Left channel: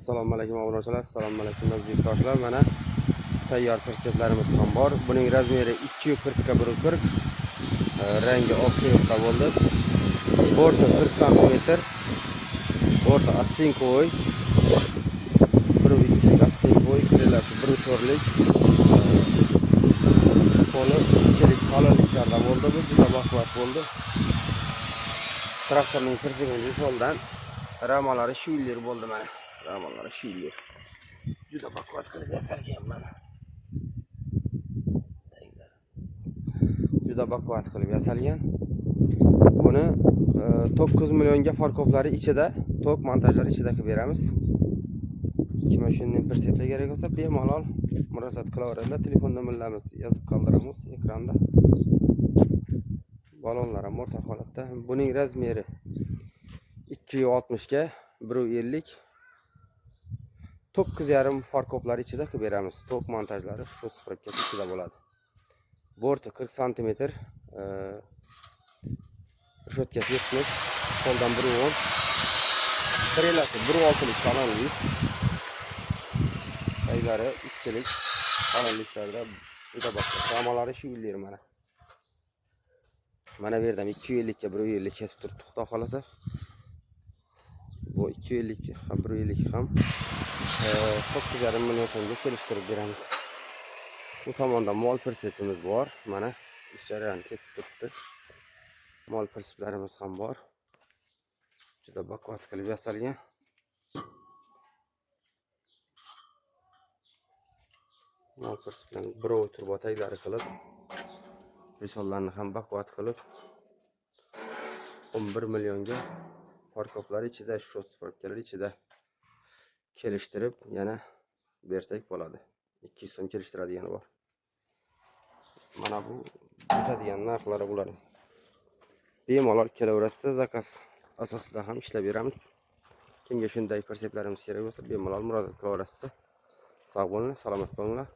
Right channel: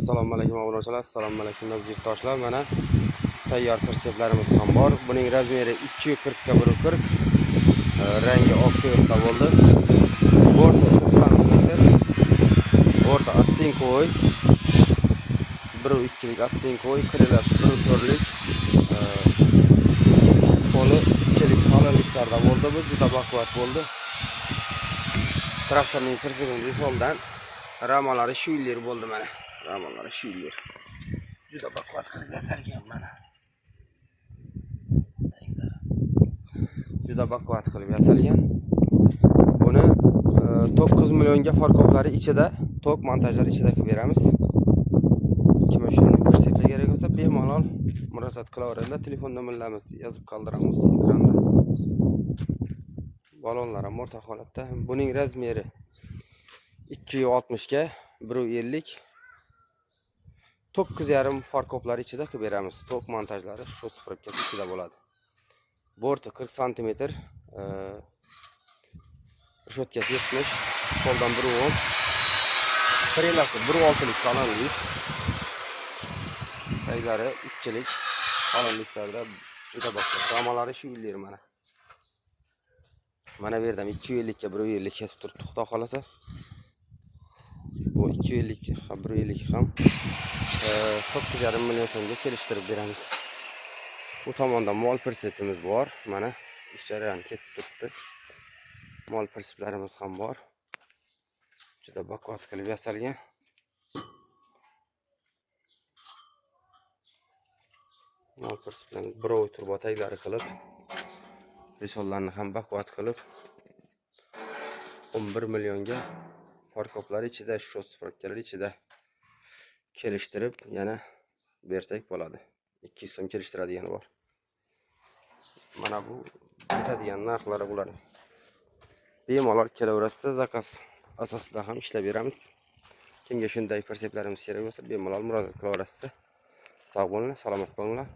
Assalomu alaykum obunachilar, assalomu alaykum yurtdoshlar. Mana tayyor perseplarimiz ham bor. Buning razmeri 240 ga 140, rangi oq suyuqda bo'ldi. Borti 40 cm, o'rta atsinkoy, 1.2lik atsinkoy, krelasi 1.4lik, qo'li 2lik qalinliklarda bo'ldi. Bu juda baquvvat bo'ldi. Traktorning persepini soldan ramalari shu yillar bo'ldi mana. Ramalari shu yillar. Juda baquvvat qilib yasalgan mana. Juda baquvvat qilib yasalgan. Buni 9 millionga farkoplari ichida, tok montajlari ichida qilib beramiz. Kim shunday persepga kerak bo'lsa, bemalol murojaat qilaveradilar. Telefon nomerlarimiz yozib qoldiramiz ekranda. Balonlar ham o'rta holatda. Buning razmeri 260 ga 1.50. 9,5 farkoplari ichida qilib beramiz. Tok montajlari shu sprikka ichida bo'ladi. Borti 40 cm, rishotkasi 70, qo'ldan 1.10, krelasi 1.6lik qalinlik, qaylari 2lik qalinliklarda juda baquvvat. Ramalari shu yillar mana. Mana bu yerdan 250 ga 1.50 kesib turibdi, xudo xolasa. Bu 250 ham 1.50 ham 9,5 million so'mga kelishtirib beramiz. Bu tomonda mol persepimiz bor. Mana ish jarayoni ketib turibdi. Mol perseplarimiz ham bor. Juda baquvvat qilib yasalgan. Mol perseplarni birovi turbotaglari qilib, risollarni ham baquvvat qilib 11 millionga farkoplari ichida, shu sprikkalar ichida kelishtirib yana bersak bo'ladi. 200 so'm kelishtiradigan bor. Mana bu bitadigan narxlari bular. Bemalol kelaverasizlar, zakaz asosida ham ishlab beramiz. Kimga shunday perseplarimiz kerak bo'lsa, bemalol murojaat qilaverasizlar. Sog' bo'linglar, salomat bo'linglar.